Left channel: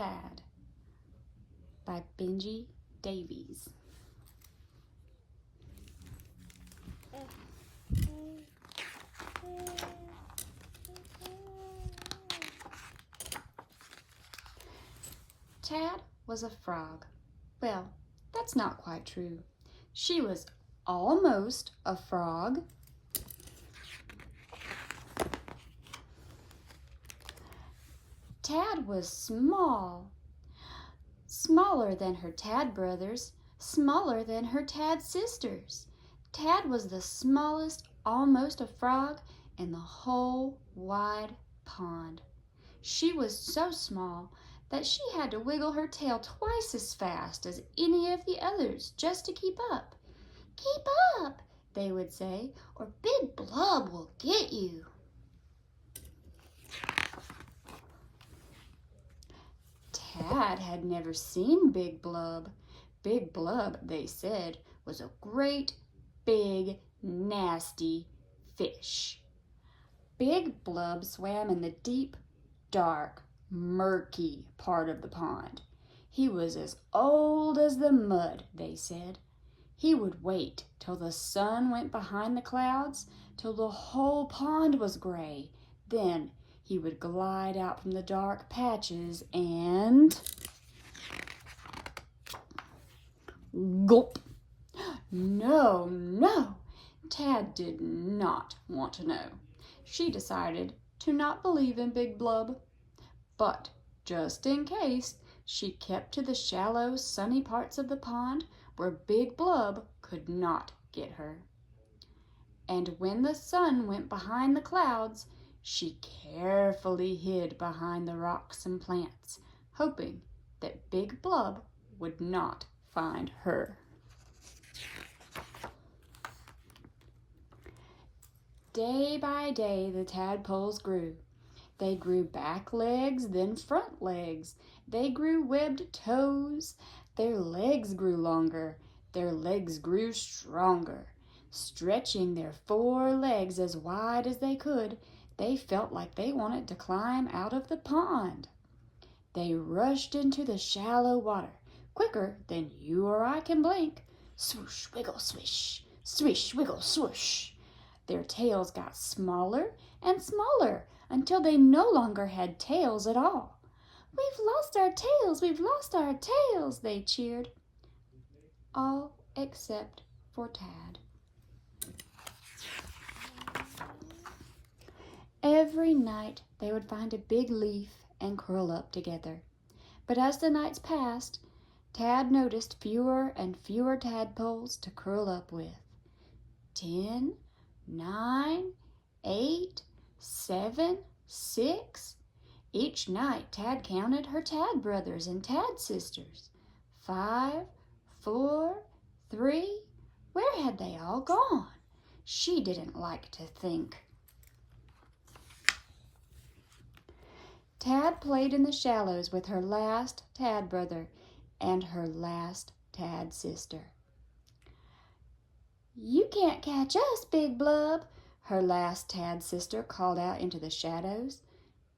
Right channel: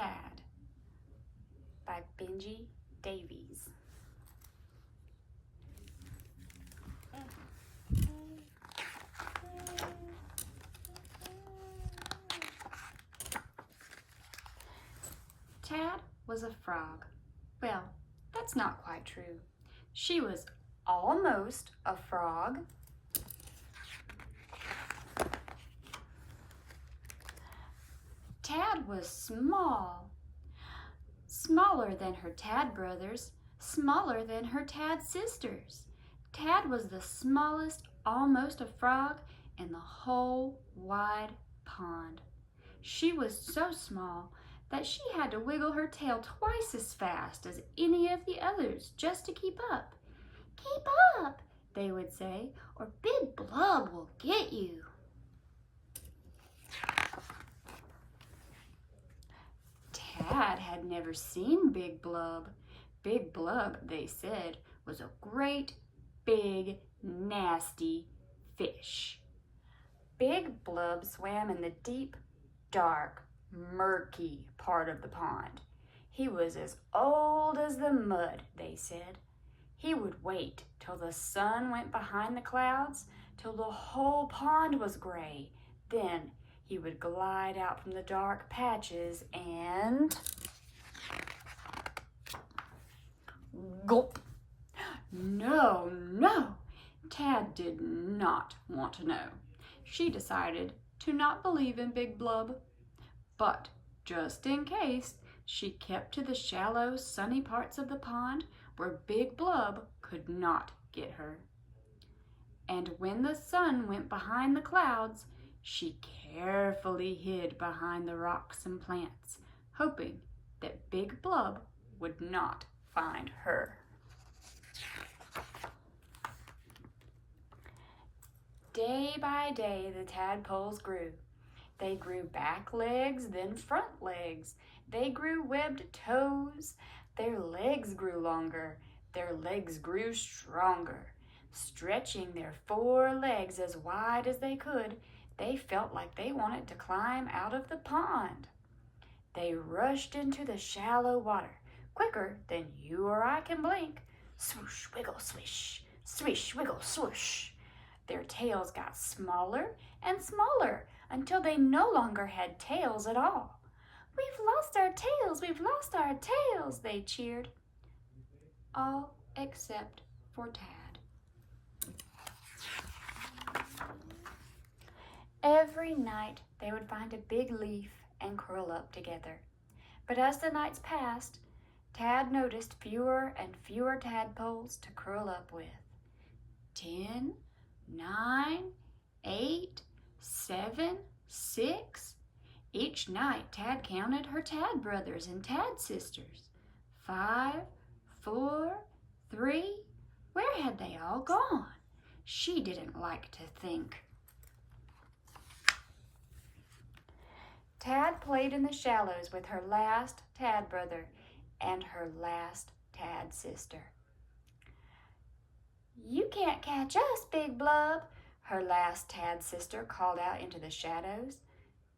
Tad by Benji Davies. Tad was a frog. Well, that's not quite true. She was almost a frog. Tad was small, smaller than her Tad brothers, smaller than her Tad sisters. Tad was the smallest, almost a frog, in the whole wide pond. She was so small that she had to wiggle her tail twice as fast as any of the others just to keep up. "Keep up," they would say, "or Big Blub will get you." Tad had never seen Big Blub. Big Blub, they said, was a great, big, nasty fish. Big Blub swam in the deep, dark, murky part of the pond. He was as old as the mud, they said. He would wait till the sun went behind the clouds, till the whole pond was gray. Then he would glide out from the dark patches and gulp. No, no, Tad did not want to know. She decided to not believe in Big Blub. But just in case, she kept to the shallow, sunny parts of the pond where Big Blub could not get her. And when the sun went behind the clouds, she carefully hid behind the rocks and plants, hoping that Big Blub would not find her. Day by day, the tadpoles grew. They grew back legs, then front legs. They grew webbed toes. Their legs grew longer. Their legs grew stronger. Stretching their 4 legs as wide as they could, they felt like they wanted to climb out of the pond. They rushed into the shallow water, quicker than you or I can blink. Swoosh, wiggle, swish, swish, wiggle, swoosh. Their tails got smaller and smaller until they no longer had tails at all. "We've lost our tails, we've lost our tails," they cheered. All except for Tad. Every night they would find a big leaf and curl up together. But as the nights passed, Tad noticed fewer and fewer tadpoles to curl up with. 10, 9, 8, 7, 6. Each night Tad counted her Tad brothers and Tad sisters. 5, 4, 3. Where had they all gone? She didn't like to think. Tad played in the shallows with her last Tad brother and her last Tad sister. "You can't catch us, Big Blub," her last Tad sister called out into the shadows.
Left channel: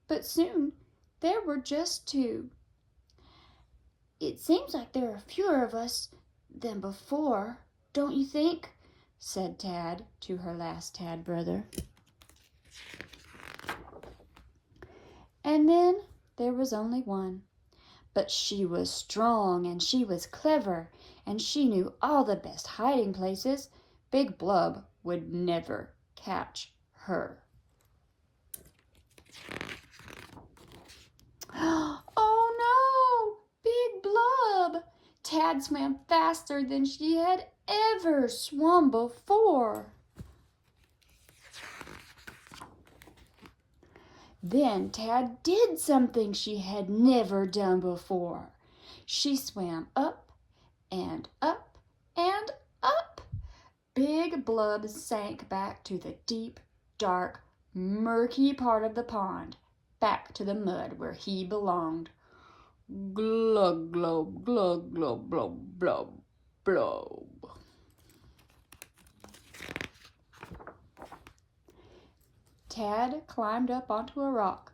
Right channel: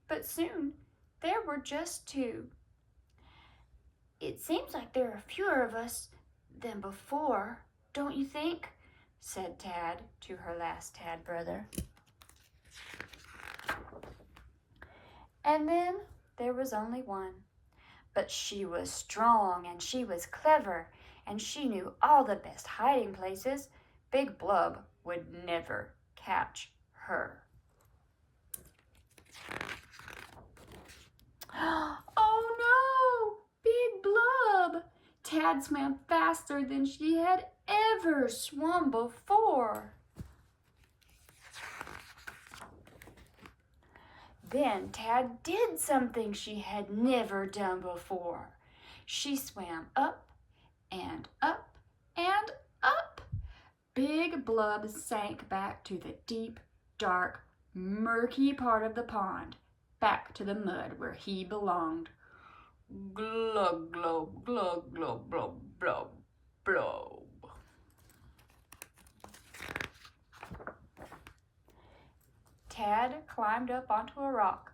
But soon there were just 2. "It seems like there are fewer of us than before, don't you think?" said Tad to her last Tad brother. And then there was only one. But she was strong and she was clever and she knew all the best hiding places. Big Blub would never catch her. Oh no! Big Blub! Tad swam faster than she had ever swum before. Then Tad did something she had never done before. She swam up and up and up. Big Blub sank back to the deep, dark, murky part of the pond, back to the mud where he belonged. Glug, glug, glug, glug, glug, blub, blub. Tad climbed up onto a rock.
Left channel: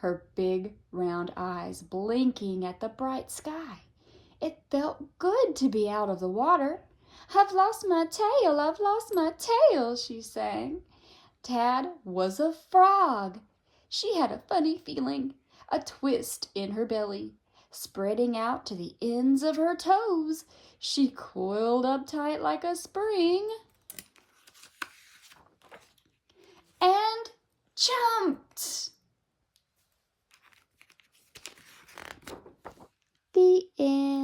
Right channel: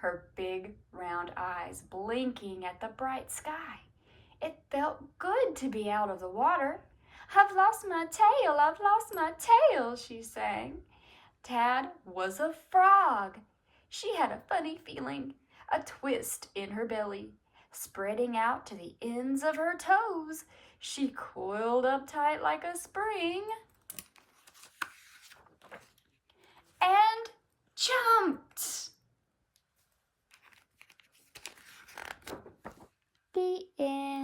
her big round eyes blinking at the bright sky. It felt good to be out of the water. "I've lost my tail, I've lost my tail," she sang. Tad was a frog. She had a funny feeling, a twist in her belly, spreading out to the ends of her toes. She coiled up tight like a spring and jumped. The end.